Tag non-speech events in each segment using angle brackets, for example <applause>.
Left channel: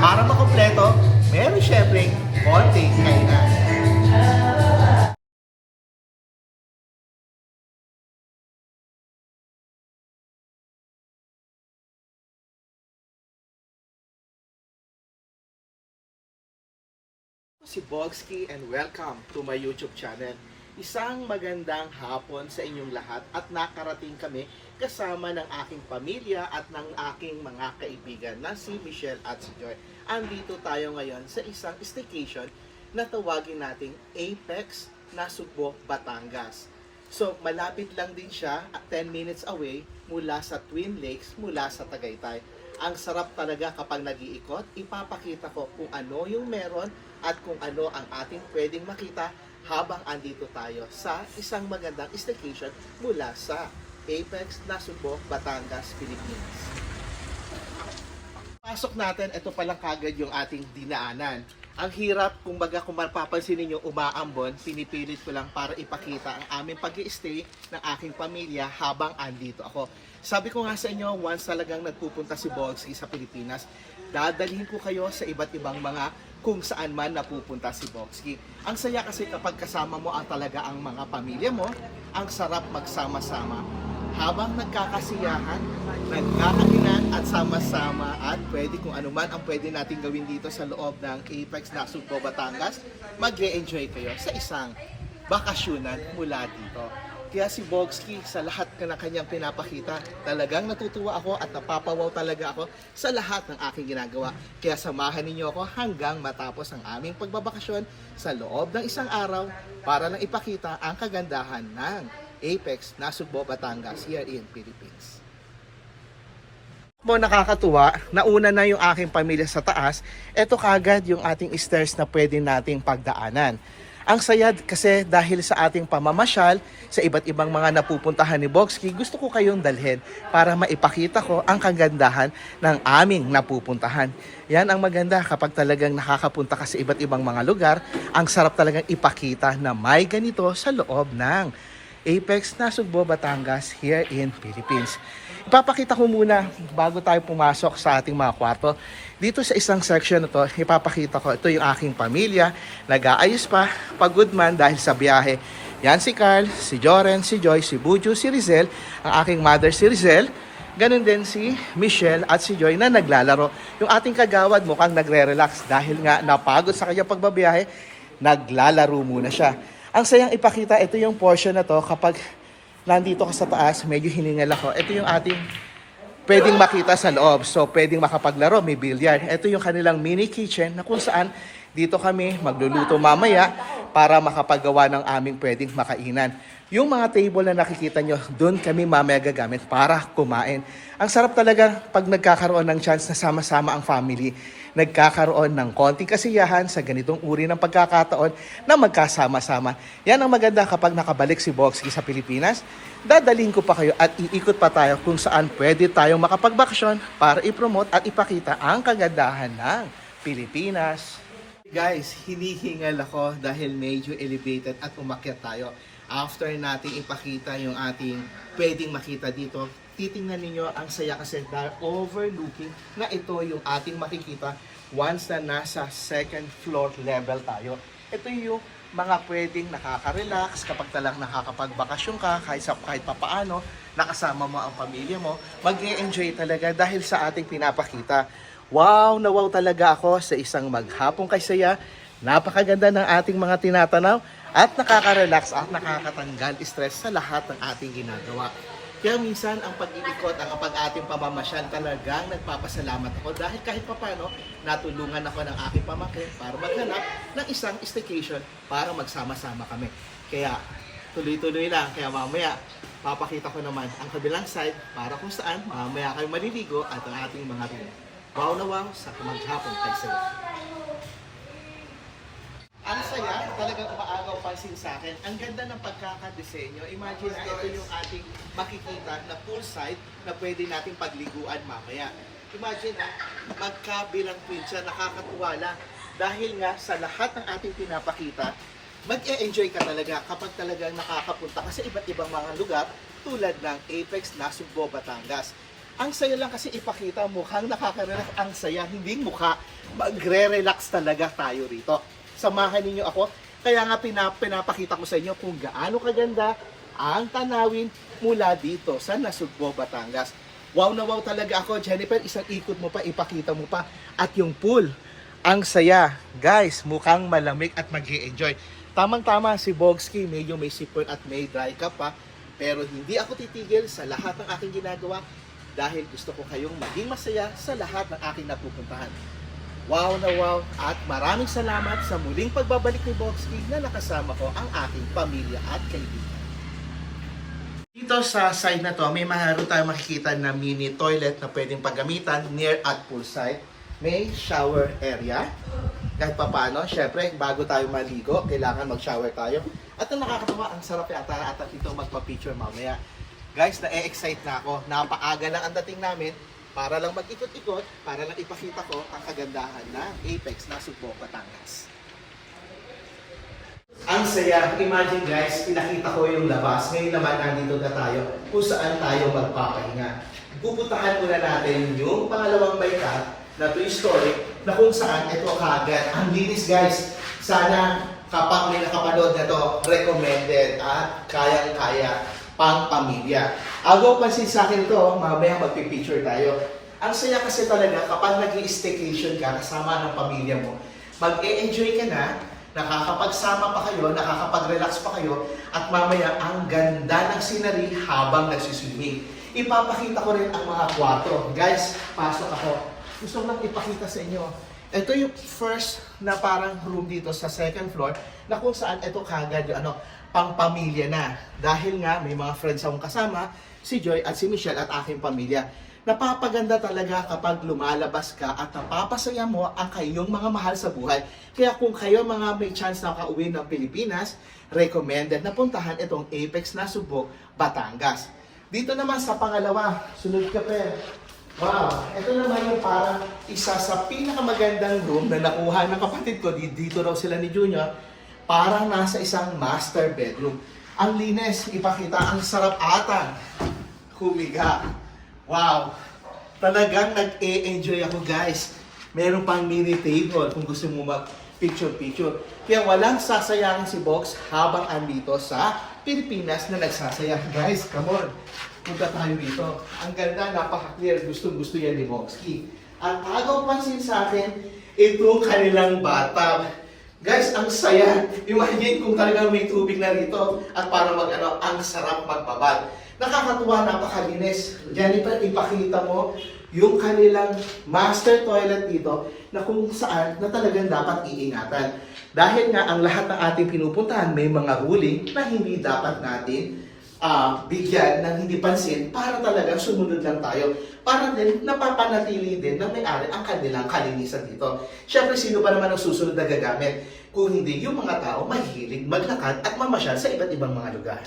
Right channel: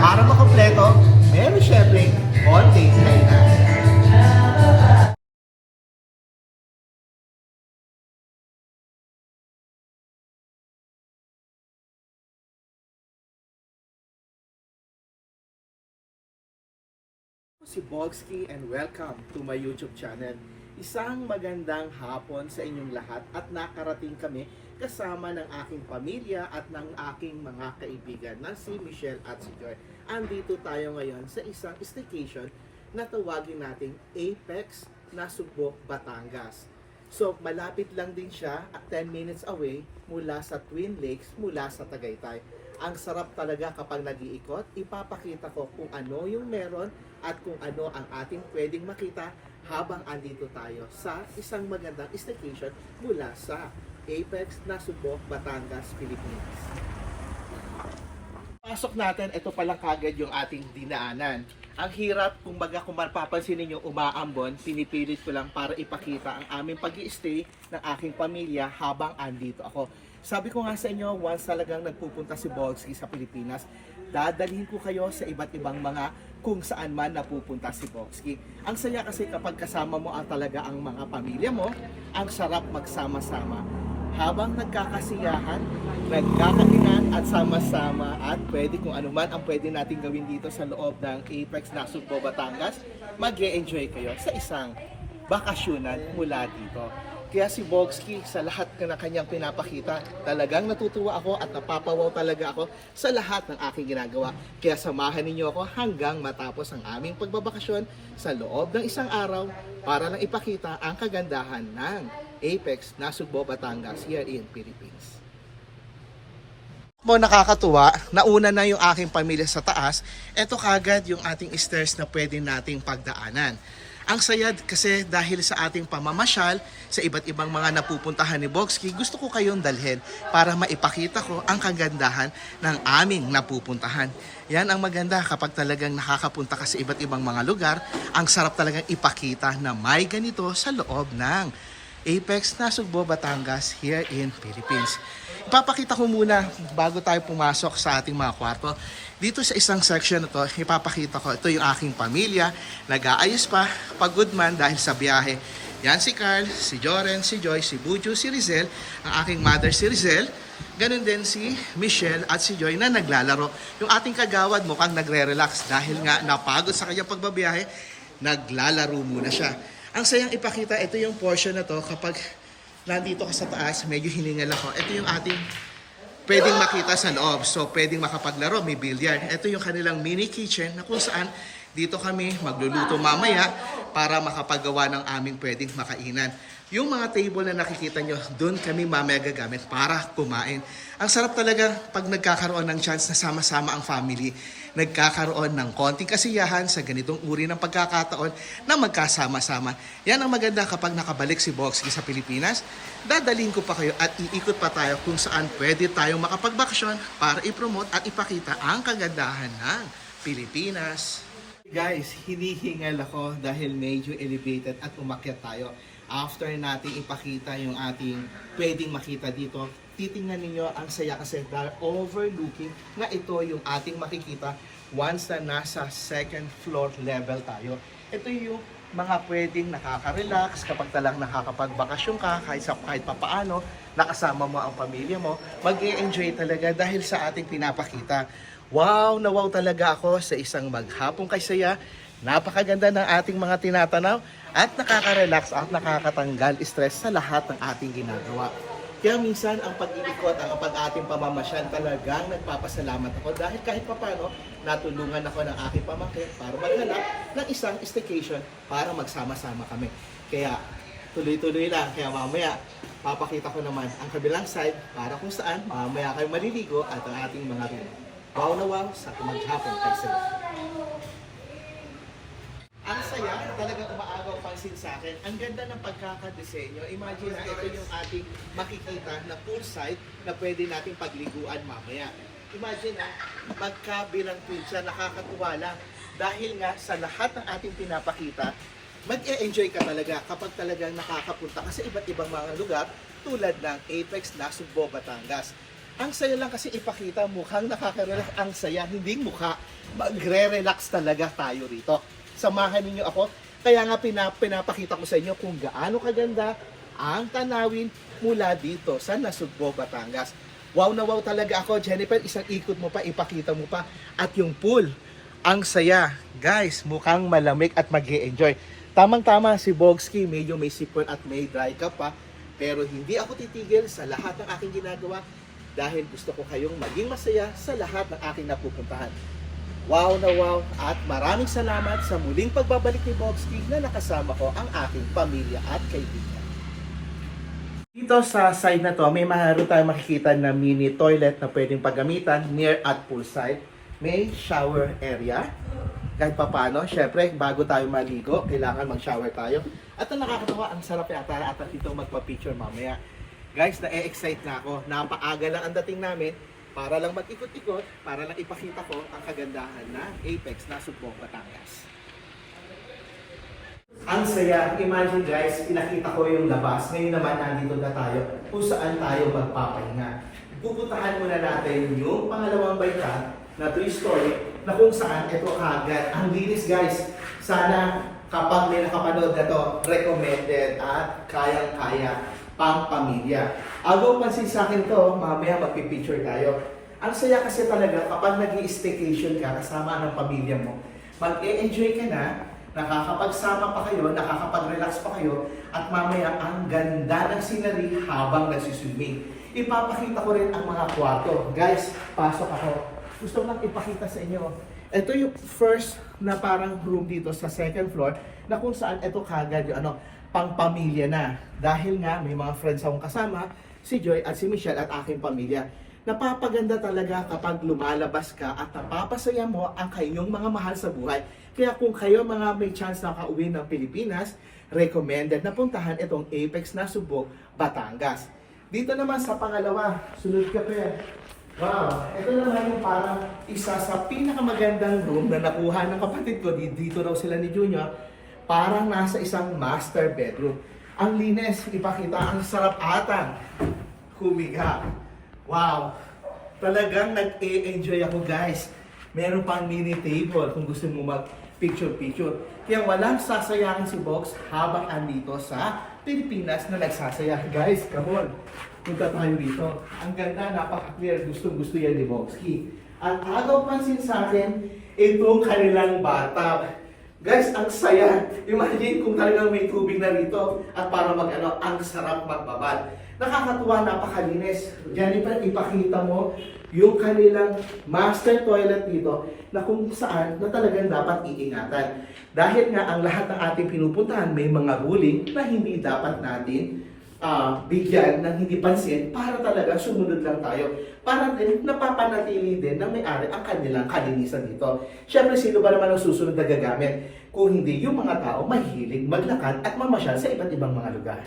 Para makompleto, meron syempre konting kainan. si Bogsky and welcome to my YouTube channel. Isang magandang hapon sa inyong lahat at nakarating kami kasama ng aking pamilya at ng aking mga kaibigan na si Michelle at si Joy. Andito tayo ngayon sa isang staycation na tawagin nating Apex Nasugbo, Batangas. So, malapit lang din siya at 10 minutes away mula sa Twin Lakes, mula sa Tagaytay. Ang sarap talaga kapag nag-iikot, ipapakita ko kung ano yung meron at kung ano ang ating pwedeng makita habang andito tayo sa isang magandang staycation mula sa Apex, Nasugbo, Batangas, Pilipinas. Pasok natin, ito palang kagad yung ating dinaanan. Ang hirap, kumbaga kung mapapansin ninyo, umaambon, pinipilit ko lang para ipakita ang aming pag stay ng aking pamilya habang andito ako. Sabi ko nga sa inyo, once talagang nagpupunta si Bogsky sa Pilipinas, dadalhin ko kayo sa iba't ibang mga kung saan man napupunta si Bogsky. Ang saya kasi kapag kasama mo ang talaga ang mga pamilya mo, ang sarap magsama-sama. Habang nagkakasiyahan, nagkakainan at sama-sama at pwede kung ano man ang pwede natin gawin dito sa loob ng Apex Nasugbo, Batangas, mag enjoy kayo sa isang bakasyonan mula dito. Kaya si Bogsky, sa lahat na kanyang pinapakita, talagang natutuwa ako at napapawaw talaga ako sa lahat ng aking ginagawa. Kaya samahan ninyo ako hanggang matapos ang aming pagbabakasyon sa loob ng isang araw para lang ipakita ang kagandahan ng Apex Nasugbo, Batangas here in Philippines mo nakakatuwa, nauna na yung aking pamilya sa taas, eto kagad yung ating stairs na pwede nating pagdaanan. Ang saya kasi dahil sa ating pamamasyal sa iba't ibang mga napupuntahan ni Bogsky, gusto ko kayong dalhin para maipakita ko ang kagandahan ng aming napupuntahan. Yan ang maganda kapag talagang nakakapunta ka sa iba't ibang mga lugar, ang sarap talagang ipakita na may ganito sa loob ng Apex Nasugbo, Batangas here in Philippines. Ipapakita ko muna bago tayo pumasok sa ating mga kwarto. Dito sa isang section na to, ipapakita ko, ito yung aking pamilya, nag-aayos pa, pagod man dahil sa biyahe. Yan si Carl, si Joren, si Joy, si Buju, si Rizel, ang aking mother si Rizel, Ganon din si Michelle at si Joy na naglalaro. Yung ating kagawad mukhang nagre-relax dahil nga napagod sa kanyang pagbabiyahe, naglalaro muna siya. Ang sayang ipakita, ito yung portion na to kapag nandito ka sa taas, medyo hiningal ako. Ito yung ating pwedeng makita sa loob. So, pwedeng makapaglaro, may billiard. Ito yung kanilang mini kitchen na kung saan dito kami magluluto mamaya para makapagawa ng aming pwedeng makainan. Yung mga table na nakikita nyo, doon kami mamaya gagamit para kumain. Ang sarap talaga pag nagkakaroon ng chance na sama-sama ang family. Nagkakaroon ng konting kasiyahan sa ganitong uri ng pagkakataon na magkasama-sama. Yan ang maganda kapag nakabalik si Boxy sa Pilipinas. Dadalhin ko pa kayo at iikot pa tayo kung saan pwede tayong makapagbakasyon para ipromote at ipakita ang kagandahan ng Pilipinas. Guys, hinihingal ako dahil medyo elevated at umakyat tayo. After nating ipakita yung ating pwedeng makita dito, titingnan ninyo ang saya kasi overlooking na ito yung ating makikita once na nasa second floor level tayo. Ito yung mga pwedeng nakaka-relax kapag talang nakakapagbakasyon ka kahit sa kahit papaano nakasama mo ang pamilya mo mag-enjoy talaga dahil sa ating pinapakita wow na talaga ako sa isang maghapong kaysaya napakaganda ng ating mga tinatanaw at nakaka-relax at nakakatanggal stress sa lahat ng ating ginagawa kaya minsan ang pag-iikot, ang pag ating pamamasyal talagang nagpapasalamat ako dahil kahit papano natulungan ako ng aking pamangkin para maghanap ng isang staycation para magsama-sama kami. Kaya tuloy-tuloy lang. Kaya mamaya papakita ko naman ang kabilang side para kung saan mamaya kayo maliligo at ang ating mga room. Wow na wow sa maghapong kaysaya. Ang saya, talagang umaagaw pansin sa akin. Ang ganda ng pagkakadesenyo. Imagine na ito yung ating makikita na poolside na pwede nating pagliguan mamaya. Imagine na, magkabilang twin siya, nakakatuwa lang. Dahil nga sa lahat ng ating pinapakita, mag-e-enjoy ka talaga kapag talagang nakakapunta ka sa iba't ibang mga lugar tulad ng Apex Nasugbo, Batangas. Ang saya lang kasi ipakita, mukhang nakaka-relax. Ang saya, hindi mukha. Magre-relax talaga tayo rito. Samahan ninyo ako. Kaya nga pinap pinapakita ko sa inyo kung gaano kaganda ang tanawin mula dito sa Nasugbo, Batangas. Wow na wow talaga ako, Jennifer. Isang ikot mo pa, ipakita mo pa. At yung pool, ang saya. Guys, mukhang malamig at mag enjoy Tamang-tama si Bogski, medyo may sipon at may dry cup pa. Pero hindi ako titigil sa lahat ng aking ginagawa dahil gusto ko kayong maging masaya sa lahat ng aking napupuntahan. Wow na wow at maraming salamat sa muling pagbabalik ni Bogski na nakasama ko ang aking pamilya at kaibigan. Dito sa side na to, may maharoon tayo makikita na mini toilet na pwedeng paggamitan near at poolside. May shower area. Kahit pa paano, syempre, bago tayo maligo, kailangan mag-shower tayo. At ang nakakatawa, ang sarap yata at ito magpa-picture mamaya. Guys, na-excite na ako. Napaaga lang ang dating namin para lang mag-ikot-ikot, para lang ipakita ko ang kagandahan ng Apex na Subo, Batangas. Ang saya. Imagine guys, pinakita ko yung labas. Ngayon naman nandito na tayo kung saan tayo magpapahinga. Pupuntahan muna natin yung pangalawang baykat na two-story na kung saan ito kagad. Ang linis guys. Sana kapag may nakapanood na to, recommended at kayang-kaya pang pamilya. Agaw pansin sa akin to, mamaya magpipicture tayo. Ang saya kasi talaga kapag nag staycation ka kasama ng pamilya mo, mag-e-enjoy ka na, nakakapagsama pa kayo, nakakapag-relax pa kayo, at mamaya ang ganda ng scenery habang nagsiswimming. Ipapakita ko rin ang mga kwarto. Guys, pasok ako. Gusto ko lang ipakita sa inyo. Ito yung first na parang room dito sa second floor na kung saan ito kagad yung ano, pang pamilya na. Dahil nga may mga friends akong kasama, si Joy at si Michelle at aking pamilya. Napapaganda talaga kapag lumalabas ka at napapasaya mo ang kayong mga mahal sa buhay. Kaya kung kayo mga may chance na kauwi ng Pilipinas, recommended na puntahan itong Apex na Subok, Batangas. Dito naman sa pangalawa, sunod ka pa. Wow, ito naman yung parang isa sa pinakamagandang room na nakuha ng kapatid ko. Di- Dito raw sila ni Junior. Parang nasa isang master bedroom. Ang linis, ipakita, ang sarap ata. Humiga. Wow. Talagang nag-e-enjoy ako guys. Meron pang mini table kung gusto mo mag picture-picture. Kaya walang sasayangin si Box habang andito sa Pilipinas na nagsasaya. <laughs> Guys, come on. Punta tayo dito. Ang ganda, napaka-clear. Gustong-gusto yan ni Boxky. Ang agaw pansin sa akin, itong kanilang bathtub. Guys, ang saya. Imagine kung talagang may tubig na rito at para mag ano, ang sarap magbabad. Nakakatuwa, napakalinis. Jennifer, ipakita mo yung kanilang master toilet dito na kung saan na talagang dapat iingatan. Dahil nga ang lahat ng ating pinupuntahan may mga ruling na hindi dapat natin ah, bigyan ng hindi pansin para talaga sumunod lang tayo. Para din napapanatili din na may-ari ang kanilang kalinisan dito. Siyempre, sino ba naman ang susunod na gagamit? Kung hindi yung mga tao mahilig maglakad at mamasyal sa iba't ibang mga lugar.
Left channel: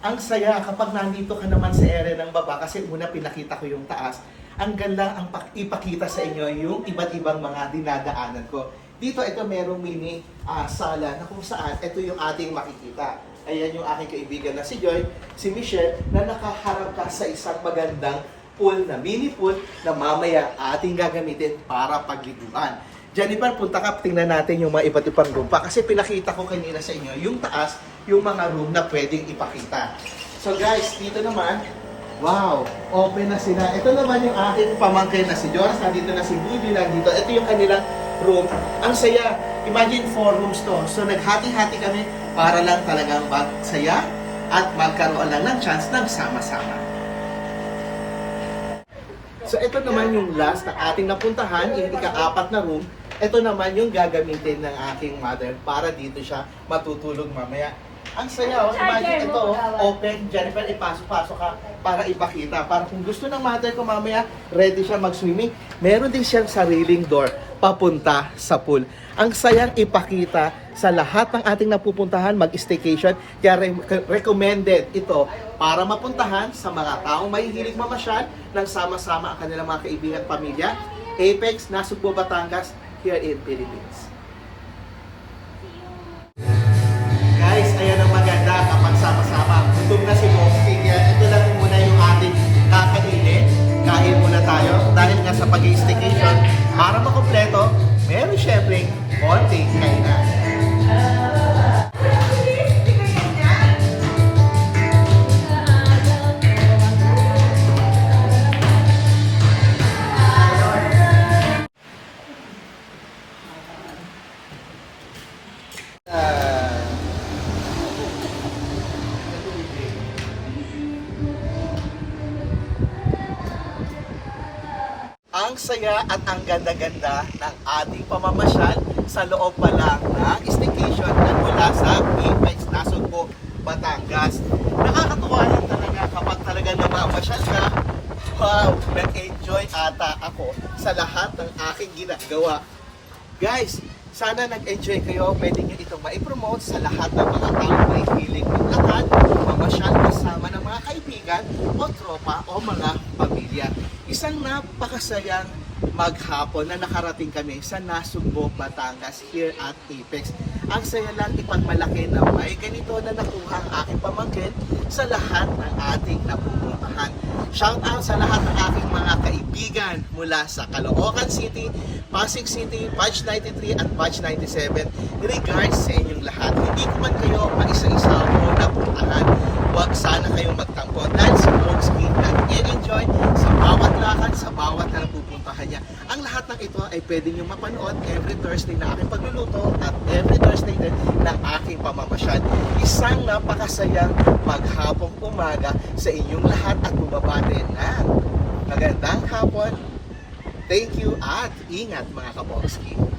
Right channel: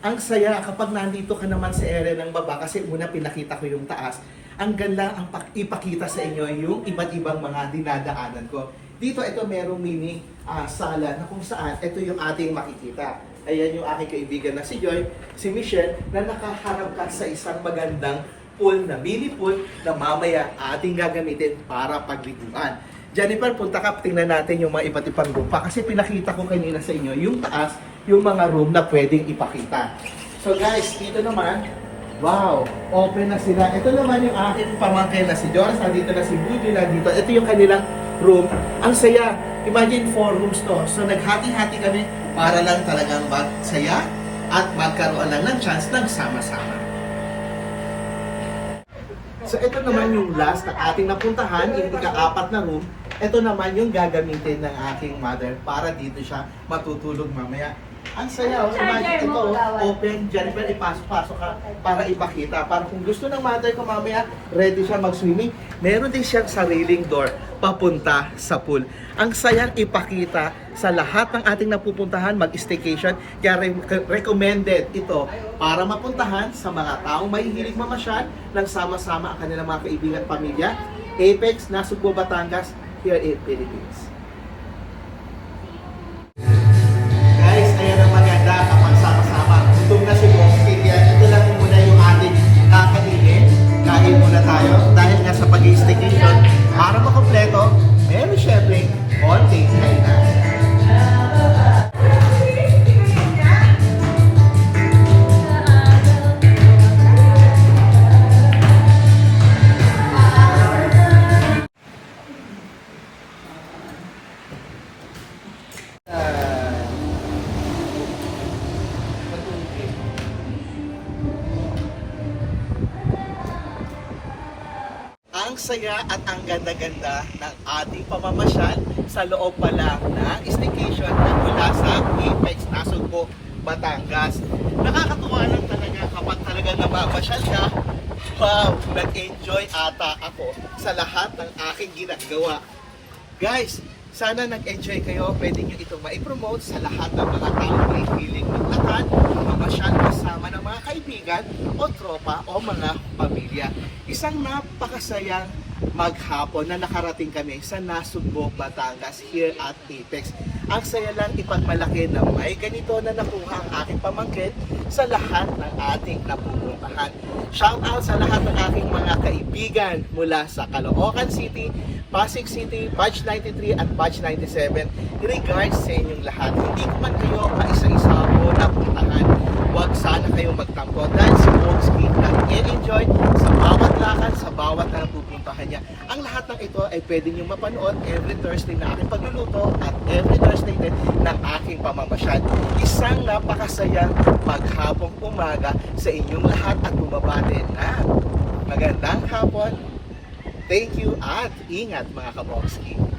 Ang saya kapag nandito ka naman sa area ng baba kasi una pinakita ko yung taas. Ang ganda ang pak- ipakita sa inyo yung iba't ibang mga dinadaanan ko. Dito ito merong mini ah, sala na kung saan ito yung ating makikita. Ayan yung aking kaibigan na si Joy, si Michelle, na nakaharap ka sa isang magandang pool na mini pool na mamaya ating gagamitin para pagliguan. Jennifer, punta ka, tingnan natin yung mga iba't ibang lupa. Kasi pinakita ko kanina sa inyo yung taas, yung mga room na pwedeng ipakita. So guys, dito naman, wow, open na sila. Ito naman yung aking pamangkin na si Jonas, nandito na si Buju, nandito. Ito yung kanilang room. Ang saya. Imagine four rooms to. So naghati-hati kami para lang talagang magsaya at magkaroon lang ng chance na sama-sama. So ito naman yung last na ating napuntahan, yung ika-apat na room. Ito naman yung gagamitin ng aking mother para dito siya matutulog mamaya. Ang saya, oh. imagine ito, oh, open, Jennifer, ipasok-pasok ka para ipakita. Para kung gusto ng mother ko mamaya, ready siya mag-swimming, meron din siyang sariling door papunta sa pool. Ang sayang ipakita sa lahat ng ating napupuntahan mag-staycation. Kaya re- recommended ito para mapuntahan sa mga taong mahihilig mamasyal ng sama-sama ang kanilang mga kaibigan at pamilya. Apex, Nasugbo, Batangas, here in Philippines. tama. Gutom na si Bossy. Kaya ito lang muna yung ating kakainin. Kain muna tayo. Dahil nga sa pag-i-staycation, para makompleto, meron syempre konting kainan. Saya at ang ganda-ganda ng ating pamamasyal sa loob pa lang ng staycation na mula sa Apex, Nasugbo, Batangas. Nakakatuwa lang talaga kapag talaga namamasyal ka. Wow, nag-enjoy ata ako sa lahat ng aking ginagawa. Guys, sana nag-enjoy kayo. Pwede nyo itong maipromote sa lahat ng mga tao may feeling maglakad, mamasyal kasama ng mga kaibigan o tropa o mga pamilya. Isang napakasayang maghapon na nakarating kami sa Nasugbo, Batangas here at Apex. Ang saya lang ipagmalaki na may ganito na nakuha ang aking pamangkin sa lahat ng ating napupuntahan. Shout out sa lahat ng aking mga kaibigan mula sa Caloocan City, Pasig City, Batch 93 at Batch 97. Regards sa inyong lahat. Hindi ko man kayo maisa-isa o napuntahan. Huwag sana kayong magtampo dahil si nag-e-enjoy sa bawat lakad, sa bawat na napupuntahan niya. Ang lahat ng ito ay pwede nyo mapanood every Thursday na aking pagluluto at every Thursday din ng aking pamamasyal. Isang napakasayang maghapong umaga sa inyong lahat at bumabati na magandang hapon. Thank you at ingat mga kabogski.